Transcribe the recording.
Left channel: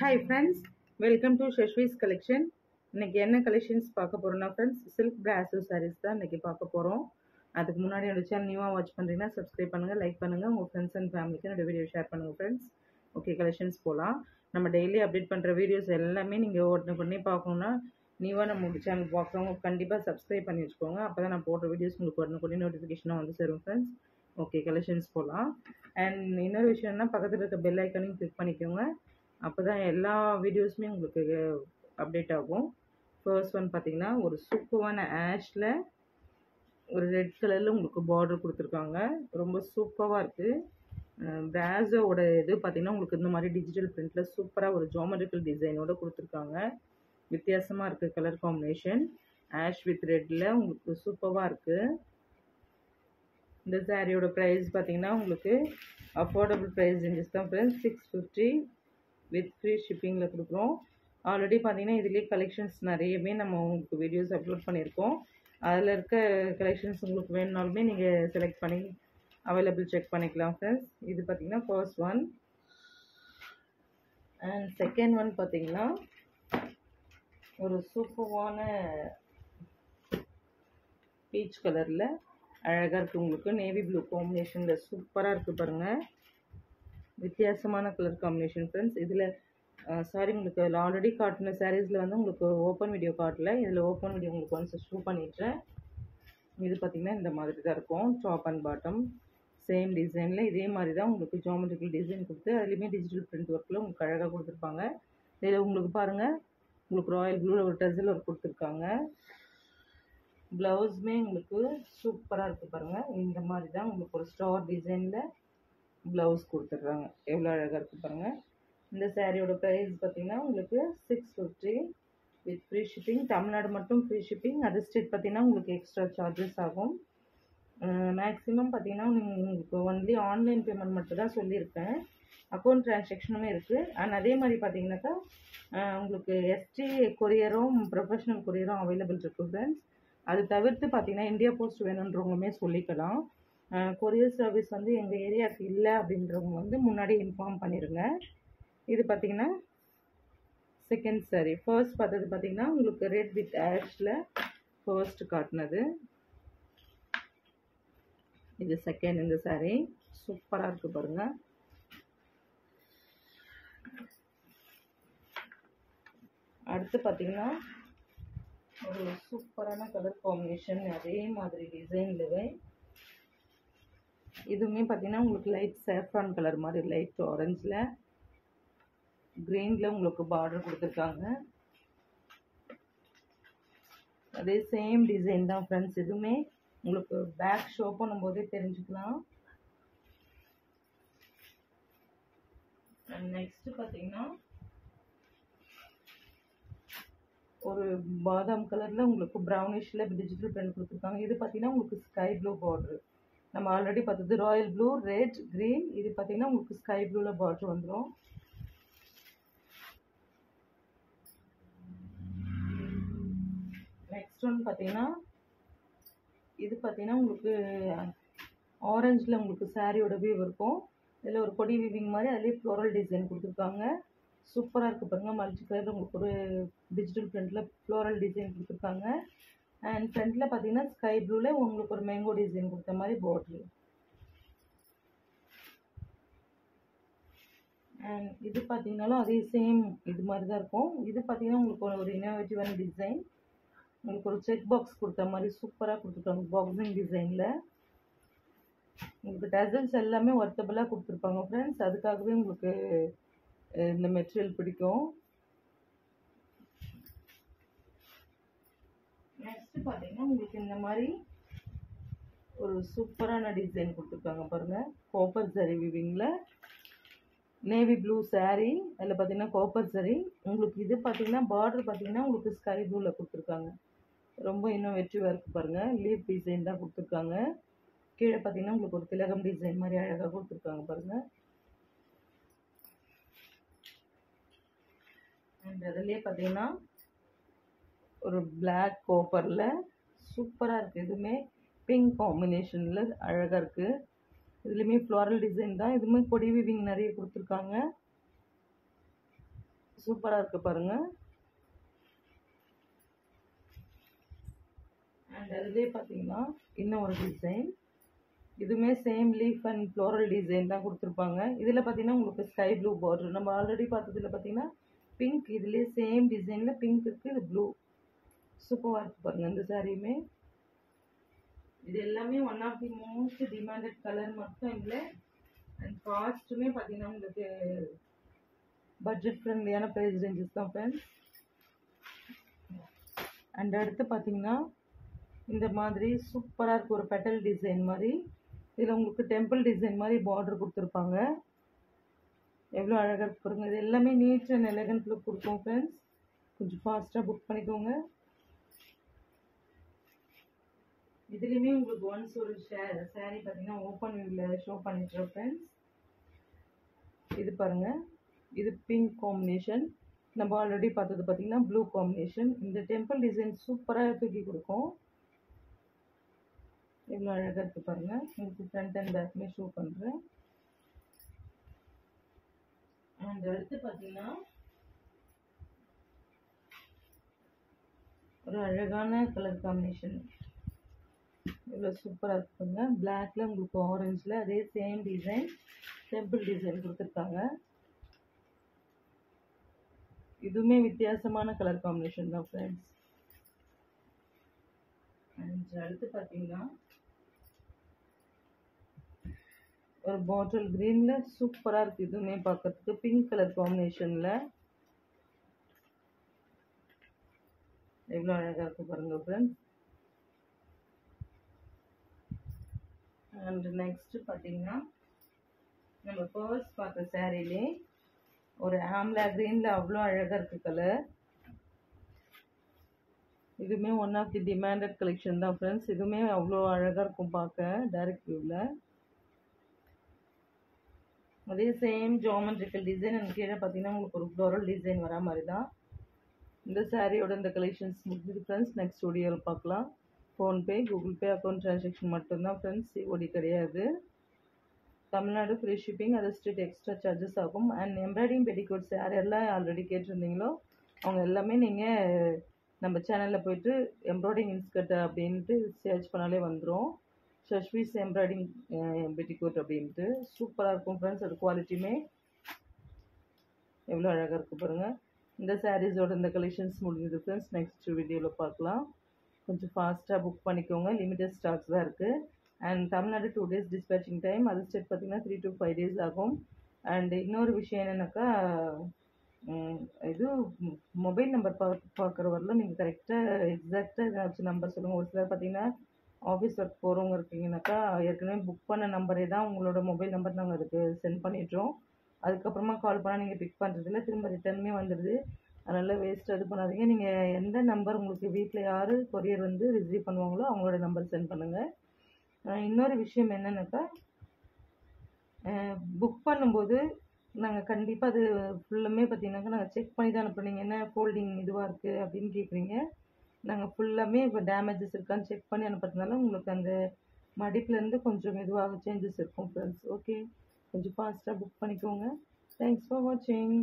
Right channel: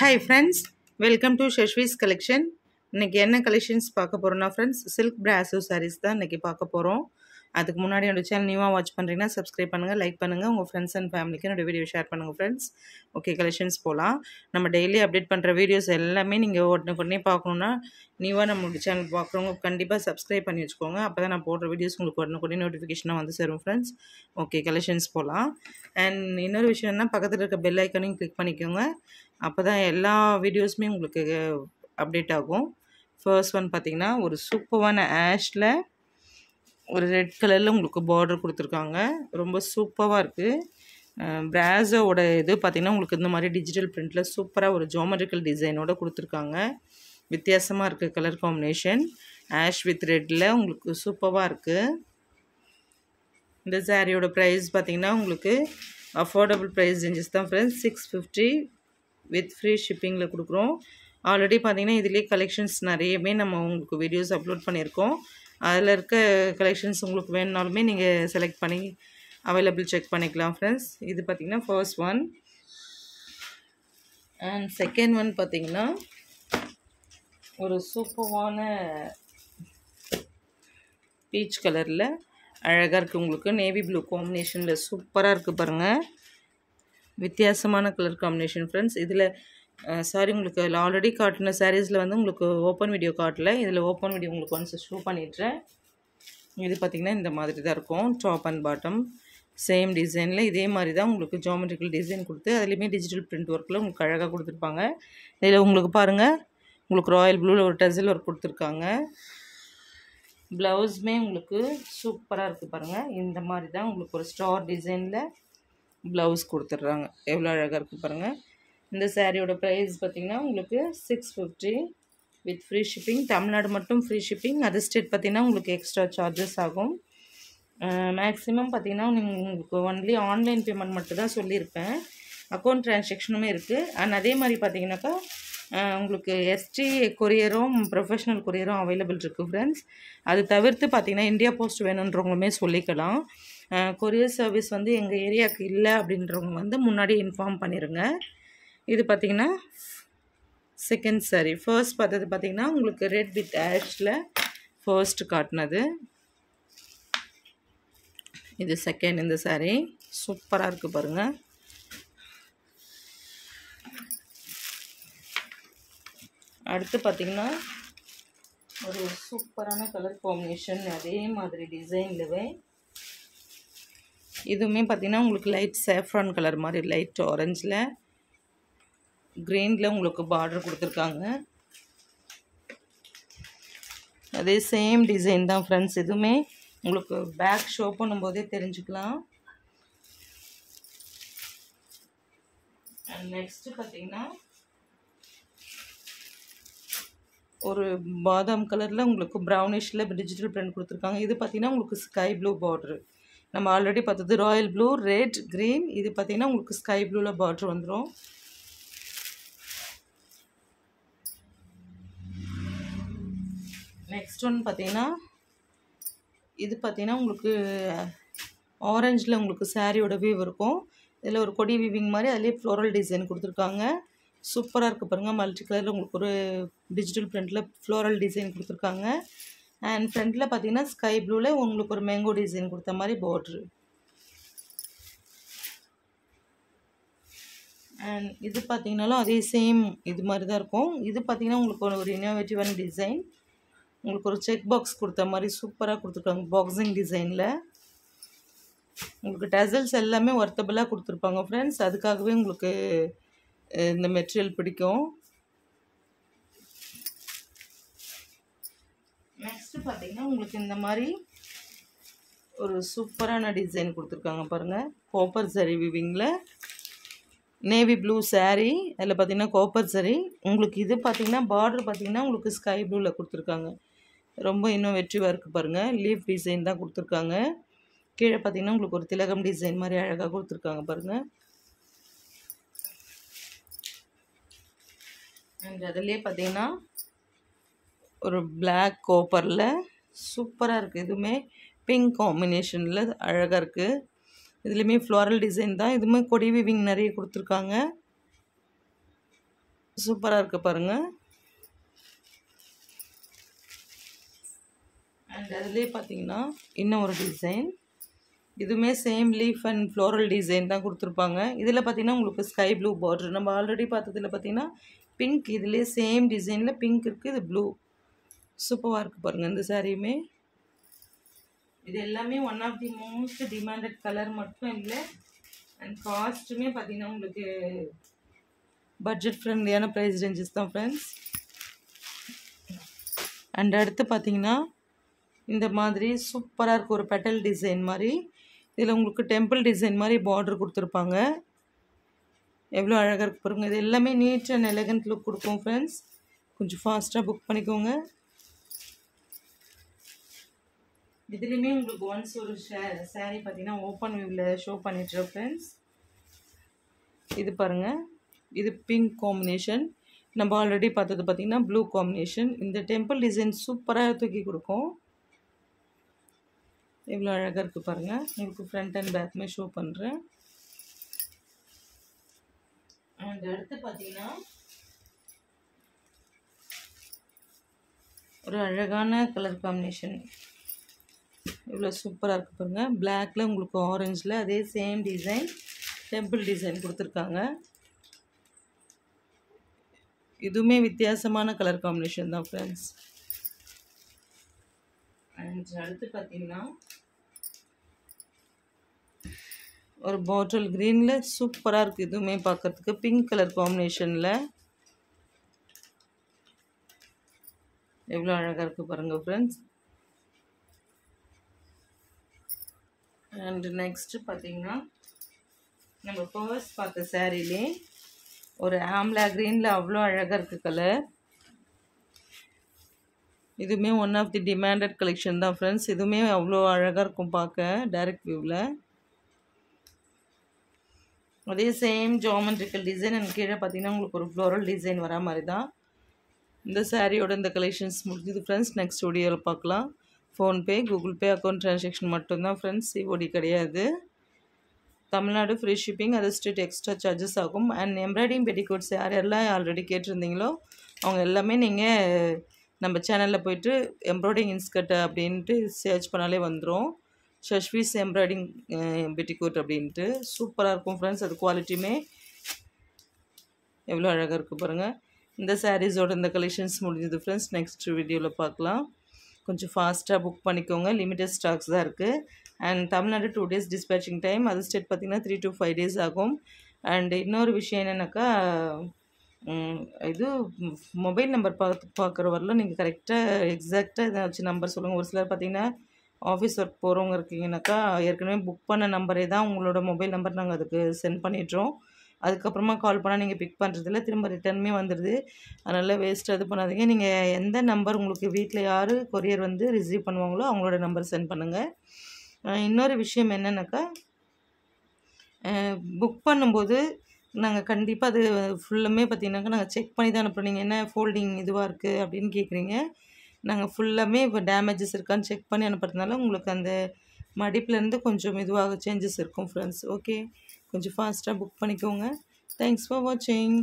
Hi friends, welcome to Shashvi's collection. இன்னைக்கு என்ன collections பார்க்க போறோம்னா ஃப்ரெண்ட்ஸ் சில்க் பிராசோ சாரீஸ் தான் இன்னைக்கு பார்க்க போகிறோம். அதுக்கு முன்னாடி என்னோட சேனல் நியூவாக வாட்ச் பண்ணுறீங்கன்னா சப்ஸ்கிரைப் பண்ணுங்கள், லைக் பண்ணுங்கள், உங்கள் ஃப்ரெண்ட்ஸ் அண்ட் ஃபேமிலிக்கு என்னோட வீடியோ ஷேர் பண்ணுங்கள் ஃப்ரெண்ட்ஸ். ஓகே, கலெக்ஷன்ஸ் போகலாம். நம்ம டெய்லி அப்டேட் பண்ணுற வீடியோஸ் எல்லாமே நீங்கள் உடனே பார்க்கணுன்னா நியூவாக நம்மளோட சேனல் பார்க்குறவங்க கண்டிப்பாக சப்ஸ்கிரைப் பண்ணி வச்சுக்கோங்க. அப்போ தான் நான் போடுற வீடியோஸ் உங்களுக்கு உடனே நோட்டிஃபிகேஷனாக வந்து சேரும் ஃப்ரெண்ட்ஸ். ஓகே, கலெக்ஷன்ஸ் போகலாம். அண்ட் இன்னொரு விஷயம்னா பக்கத்தில் இருக்க பெல் ஐக்கனையும் கிளிக் பண்ணிக்கோங்க. அப்போ தான் எல்லா வீடியோஸுமே உங்களுக்கு அப்டேட் ஆகும். ஃபர்ஸ்ட் ஒன் பார்த்திங்கன்னா ஒரு சூப்பரான ஆஷில் ஒரு ரெட் கலரில் உங்களுக்கு பார்டர் கொடுத்துருக்காங்க. ரொம்ப சூப்பராக இருக்குது. பிராஸோட இது பார்த்திங்கன்னா உங்களுக்கு இந்த மாதிரி டிஜிட்டல் பிரிண்டில் சூப்பராக ஒரு ஜோமெட்ரிக்கல் டிசைனோட கொடுத்துருக்காங்க. வித்தியாசமாக இருக்குது கலர் காம்பினேஷன். ஆஷ் வித் ரெட்டில் உங்களுக்கு சூப்பராக இருக்குது. இந்த சாரியோட ப்ரைஸ் பார்த்திங்கன்னா உங்களுக்கு அஃபோர்டபுள் ப்ரைஸ் ரேஞ்சஸ் தான் ஃப்ரெண்ட்ஸ். 650 வித் ஃப்ரீ ஷிப்பிங்கில் கொடுக்குறோம். ஆல்ரெடி பார்த்திங்கன்னா இதிலே கலெக்ஷன்ஸ் நிறையவே நம்ம உங்களுக்கு வீடியோஸ் அப்லோட் பண்ணியிருக்கோம். அதில் இருக்க கலெக்ஷன்ஸ் உங்களுக்கு வேணுனாலுமே நீங்கள் செலக்ட் பண்ணி அவைலபிள் செக் பண்ணிக்கலாம் ஃப்ரெண்ட்ஸ். இது பார்த்திங்கன்னா first one. And second one பார்த்திங்கன்னா ஒரு சூப்பரான பீச் கலரில் அழகாக இருக்குது. உங்களுக்கு நேவி ப்ளூ காம்பினேஷனில் சூப்பராக இருக்குது பாருங்கள். வித்தியாசமான கலர் காம்பினேஷன் ஃப்ரெண்ட்ஸ். இதில் சாரி உங்களுக்கு ஆல்ரெடி காட்டின சாரீஸில் வந்து உங்களுக்கு ஓப்பன் வீடியோ காட்டல. இதில் ஓப்பன் வீடியோ உங்களுக்கு ஒன்ஸ் ஷோ பண்ணிடுறேன். இது பார்த்திங்கன்னா இந்த மாதிரி தான் இருக்கும். டாப் அண்ட் பாட்டம் சேம் டிசைனில் இதே மாதிரி தான் உங்களுக்கு ஜோமெட்ரிக்கல் டிசைன் கொடுத்து அதுலேயுமே டிஜிட்டல் பிரிண்ட் ஒர்க்கில் உங்களுக்கு அழகாக கொடுத்துருப்பாங்க. இதில் உங்களுக்கு பாருங்கள் உங்களுக்கு ராயல் ப்ளூவில் ஒரு டசில் ஒர்க் கொடுத்துருக்காங்க. ப்ளவுஸுமே உங்களுக்கு சூப்பராக இருக்குது பாருங்கள். இந்த மாதிரி தான் உங்களுக்கு ஒரு ஸ்டார் டிசைனில் ப்ளவுஸ் கொடுத்துட்றாங்க. எவ்வளோ அழகாக இருக்குது பாருங்கள். இந்த சாரியோட ப்ரைஸ் பார்த்திங்கன்னா உங்களுக்கு 650 வித் ஃப்ரீ ஷிப்பிங். தமிழ்நாடு மட்டும் ஃப்ரீ ஷிப்பிங். அதர் ஸ்டேட் பார்த்திங்கன்னா உங்களுக்கு எக்ஸ்ட்ரா சார்ஜஸ் ஆகும். மேக்ஸிமம் பார்த்திங்கன்னா உங்களுக்கு ஒன்லி ஆன்லைன் பேமெண்ட் மட்டும் தான் சொல்லியிருப்பேன். அக்கௌண்ட் ட்ரான்சாக்ஷனுமே இருக்குது. அண்ட் அதே மாதிரி பார்த்திங்கனாக்கா உங்களுக்கு எஸ்டி கொரியரும் ப்ரொஃபஷ்னல் கொரியரும் அவைலபிள் இருக்குது ஃப்ரெண்ட்ஸ். அது தவிர்த்து பார்த்திங்கன்னா இந்தியா போஸ்ட் வேணுன்றவங்களுமே சொல்லிக்கலாம். கொரியர் சர்வீஸ் வந்து எங்கள் ஏரியாவுக்கு இல்லை அப்படின்றவங்க வந்து முன்னாடி இன்ஃபார்ம் பண்ணிடுங்க. இது பார்த்திங்கன்னா செகண்ட் சாரி. ஃபர்ஸ்ட் பார்த்தது பார்த்திங்கன்னா உங்களுக்கு ரெட் வித் ஆஷில் ஃபர்ஸ்ட் காட்டினது. இது செகண்ட். இந்த சாரி சூப்பராக இருக்குது பாருங்கள். அடுத்து பார்த்திங்கன்னா ஒரு சூப்பரான கலர் காம்பினேஷன் அதே மாதிரி டிசைன்லவே இதுவுமே பார்த்திங்கன்னா உங்களுக்கு லைட் சேஃப்ரான் கலர் மாதிரி லைட் ஆரஞ்சில் க்ரீனில் உங்களுக்கு பார்டர் கொடுத்துருக்காங்க. அதே சேம் டிசைன் தான் ஃப்ரெண்ட்ஸ். இதுவுமே உங்களுக்கு பேக் ஷோ பண்ணும்போதே தெரிஞ்சுக்கலாம். அண்ட் நெக்ஸ்ட்டு பார்த்திங்கன்னா ஒரு பாதாம் கலரில் உங்களுக்கு ப்ரௌனிஷில் டிஜிட்டல் பிரிண்ட் கொடுத்துருக்காங்க. இது பார்த்திங்கன்னா உங்களுக்கு ஸ்கை ப்ளூ பார்ட்ரு. நம்ம ஆல்ரெடி பார்த்தது ராயல் ப்ளூ, ரெட், க்ரீன். இது பார்த்திங்கன்னா உங்களுக்கு ஸ்கை ப்ளூவில் பார்ட்ரு வந்துடும். நெக்ஸ்ட் ஒன் பார்த்திங்கன்னா இது பார்த்திங்கன்னா உங்களுக்கு ஆரஞ்சில் உங்களுக்கு சாரியோட வீவ் இருக்கும். இதில் ஒரு கொடி வீவிங் மாதிரி அதிலே ஃப்ளோரல் டிசைன் கொடுத்துருக்காங்க. சூப்பராக இருக்குது பாருங்கள். மல்டி கலரில் உங்களுக்கு ஒரு டிஜிட்டல் பிரிண்டில் ஃப்ளோரல் டிசைன் கொடுத்துருக்காங்க. அண்ட் ஃப்ரண்ட்டில் பார்த்திங்கன்னா ஸ்கை ப்ளூவில் உங்களுக்கு ஒரு மேங்கோ டிசைன் கொடுத்த மாதிரி பார்ட்ரு. அண்ட் இது பார்த்திங்கனாலும் அதே சேம் இது மாதிரி தான் இருக்கும். இது பார்த்திங்கன்னா உங்களுக்கு ஒரு இன்னோவேட்டிவான டிசைன். உங்களுக்கு ஒரு செக் பாக்ஸ் கொடுத்த மாதிரி சூப்பராக கொடுத்துருக்காங்க பாக்ஸிங் டிசைனில். உங்களுக்கு டசல்ஸ் எல்லாமே ஒர்த்தபுளாக கொடுத்துருப்பாங்க ஃப்ரெண்ட்ஸ். அதுக்காகவே உங்களுக்கு இந்த மெட்டீரியல் பிடிக்கும். நெக்ஸ்ட்டு பார்த்திங்கன்னா உங்களுக்கு இந்த மாதிரி ஒரு சூப்பரான டிசைன் கொடுத்துருக்காங்க பாருங்கள். காப்பர் சரி விவிங்கில் நேவி ப்ளூ சாரீ. அதில் பார்த்திங்கன்னா காப்பர் சரி. உங்களுக்கு இது பார்த்திங்கன்னா பார்டர் பார்த்திங்கன்னா உங்களுக்கு ஸ்கை ப்ளூவில் கொடுத்துருக்காங்க. ரொம்ப இன்னோவேட்டிவாக இருக்குது பாருங்கள். லீஃப் டிசைன் தான் கொடுத்துருக்காங்க. கீழே பார்த்திங்கன்னா உங்களுக்கு ஒரு திலகம் டிசைன் மாதிரி அழகாக கொடுத்துருக்காங்க பாருங்கள். அண்ட் அதிலே பார்த்திங்கன்னா ஒரு பிளாக் காப்பரில் சூப்பராக இருக்குது. இதுவுமே பிங்க் காம்பினேஷனில் அழகாக இருக்குது. இதுலேயுமே ஃப்ளோரல் டிசைன் தான். இதுவுமே கொடி வீவிங் நிறைய கொடுத்துருக்காங்க. சூப்பராக இருக்குது பாருங்கள். அண்ட் அதுலேயே பார்த்தீங்கன்னா இன்னும் ஒரு டிசைன், இதுவுமே same leaf and floral design தான் கொடுத்துருப்பாங்க. இதில் பார்த்தீங்கன்னா உங்களுக்கு ஸ்கை ப்ளூ பார்டர், நம்ம ஆல்ரெடி பார்த்ததில் பார்த்தீங்கன்னா பிங்க், இதுலேயே சேம் டிசைனில் பிங்க் இருக்குது, இது ப்ளூ. சூப்பராக இருக்குது பாருங்கள் இந்த சாரியுமே. இது எல்லாமே one of the most demanded colour மட்டும் இல்லை, அண்ட் காஸ்ட்டுமே பார்த்தீங்கன்னா உங்களுக்கு பட்ஜெட் ஃப்ரெண்ட்லியான ப்ரைஸ் ரேஞ்சஸ் தான் ஃப்ரெண்ட்ஸ். அண்ட் அடுத்து பார்த்தீங்கன்னா இந்த மாதிரி சூப்பராக இருக்குது ஒரு பெட்டல் டிசைன் மாதிரி. இதில் உங்களுக்கு டெம்பிள் டிசைன் மாதிரி பார்டர் கொடுத்துருப்பாங்க. எவ்வளோ அழகாக இருக்குது பாருங்கள். இது எல்லாமே நீட் அண்ட் எலகண்ட் லுக் கொடுக்கும் ஃப்ரெண்ட்ஸ். கொஞ்சம் ஃபாஸ்ட்டாக புக் பண்ணிக்கோங்க. இதுலேயுமே உங்களுக்கு ஒன்ஸ் ஒரு சாரீ பார்த்தீங்கன்னா ஓப்பன் வியூவில் ஷோ பண்ணிட்டுருக்கோம் ஃப்ரெண்ட்ஸ். இது பாருங்கள், இது பிங்க் காம்பினேஷன், நம்ம ஆல்ரெடி பார்த்தது பார்த்தீங்கன்னா ப்ளூ காம்பினேஷன். இந்த டெம்பிள் டிசைன் சூப்பராக தூக்கி கொடுக்கும். எவ்வளோ அழகாக இருக்குது பாருங்கள். உங்களுக்கு ஃப்ரண்ட் அண்ட் பேக்குமே ஷோ பண்ணுறேன். அண்ட் அடுத்து பார்த்தீங்கன்னா ஒரு அழகான கலர் காம்பினேஷன், இவ்வளோ சூப்பராக இருக்குது பாருங்கள். பிளாக்ல உங்களுக்கு ஆரஞ்சில் அதே சேம் டிசைன் டெம்பிள் டிசைன் கொடுத்துருக்காங்க. இதுவுமே வித்தியாசமான கலர் காம்பினேஷன் தான் ஃப்ரெண்ட்ஸ். அண்ட் அடுத்து பார்த்தீங்கன்னா ஒரு பாட்டில் க்ரீனில் சூப்பராக இருக்குது. இதுவுமே பார்க்கறதுக்கு பிங்க் கலர் காம்பினேஷனில் எவ்வளோ அழகாக இருக்குது பாருங்கள் ஃப்ரெண்ட்ஸ். அண்ட் நெக்ஸ்ட்டு பார்த்தீங்கன்னா நம்ம ஃபர்ஸ்ட் பார்த்த சாரீலே ஒரு ஆம்லா க்ரீனில் அவ்வளோ அழகாக இருக்குது கலர். இதுவுமே one of the demanded collection தான் ஃப்ரெண்ட்ஸ். இதுவுமே அவ்வளோ அழகாக இருக்கும் பார்க்க டைரக்ட் வியூவில். அதே சேம் ஜாமெட்ரிக்கல் டிசைன் அண்ட் கீழே பார்த்தீங்கன்னா உங்களுக்கு ஒரு ஃப்ளோரல் டிசைன் வர மாதிரி தான் இந்த சாரியோட இந்த கலெக்ஷன்ஸ் முடிஞ்சது ஃப்ரெண்ட்ஸ். நெக்ஸ்ட் வீடியோவில் பார்க்கலாம். PhonePe, Google Pay account transaction மட்டும்தான் ஃப்ரெண்ட்ஸ், சிஓடி கிடையாது. தமிழ்நாடு ஃப்ரீ ஷிப்பிங், அது ஸ்டேட் எக்ஸ்ட்ரா சார்ஜஸ் ஆகும். அண்ட் எம்ப்ராய்டிங் பெட்டிகோட்ஸ் யாரெல்லாம் ஆல்ரெடி கேட்டிருந்தீங்களோ அவங்க எல்லாமே நீங்கள் நம்ம சேனலில் போய்ட்டு எம்ப்ராய்டிங் இன்ஸ்கர்ட் அப்படின்ட்டு சர்ச் பண்ணாலே வந்துடும். ஷஷ்வீஸ் எம்ப்ராய்டிங் பெட்டிகோட் அப்படின்ட்டு சூப்பராக இருக்கும் ஃப்ரெண்ட்ஸ். அது குவாலிட்டியுமே எவ்வளோ அழகாக இருக்குது பாருங்கள். இந்த சாரீஸோட இந்த கலெக்ஷன்ஸ் முடிஞ்சது ஃப்ரெண்ட்ஸ். நெக்ஸ்ட் வீடியோவில் பார்க்கலாம். கொஞ்சம் ஃபாஸ்ட்டாக புக் பண்ணிக்கோங்க, லிமிட்டட் ஸ்டாக்ஸ் தான் இருக்குது. And Tamil Nadu 2 days dispatching time, அது ஸ்டேட் பார்த்திங்கன்னா 3 to 5 days ஆகும். அண்ட் இன்னொரு விஷயம் என்னென்னாக்கா இது மொபைல் நம்பர் பார்க்குற வரலாம் நீங்கள் கரெக்டாக எக்ஸாக்டாக ஏதாச்சும் நம்பர் சொல்லுங்கள். ஒரு சிலர் பார்த்திங்கன்னா ஆஃபீஸ் ஒர்க் போகிறவங்க இருக்கீங்கன்னாக்கா ஏற்கனவே புக் பண்ண நம்பரே தான் உங்களோட மொபைல் நம்பர் நாங்கள் அதுக்கு சென்ட் பண்ணிடுறோம். அதுக்கப்புறமா கால் பண்ணால் நீங்கள் பிக் பண்ணுறதில்ல, திரும்ப ரிட்டர்னுமே வந்துடுது. அதனால் வேஸ்ட்டாக இது பண்ணாதீங்க. நீங்கள் எந்த நம்பர் உங்களுக்கு வீட்டில் யார் கொரியர் வந்து ரிசீவ் பண்ணுவாங்களோ அவங்களோட நம்பர் சென்ட் பண்ணுங்கள். இன்னொரு விஷயம் என்னென்னாக்கா புக் பண்ணும்போது நாங்கள் கண்டிப்பாக அது ஃபுல்லுமே பார்த்திங்கனாக்கா நாங்கள் செக் பண்ணி தான் அனுப்புகிறோம். நீங்கள் என்ன ஃபோல்டிங் இதுவாக இருக்குது அப்படின்னு கேட்குறீங்க. நாங்கள் ஃபுல்லாமே இப்போ டேமேஜஸ் இருக்கான்னு செக் பண்ணி அனுப்புறதுனால உங்களுக்கு அந்த மடிப்புலேருந்து கொஞ்சம் இதுவாக சேஞ்சஸ் இருக்கும் ஃப்ரெண்ட்ஸ். ஓகே, கொஞ்சம் ஃபாஸ்ட்டாக புக் பண்ணிக்கோங்க. தேங்க்ஸ் ஃபார் வாட்சிங்.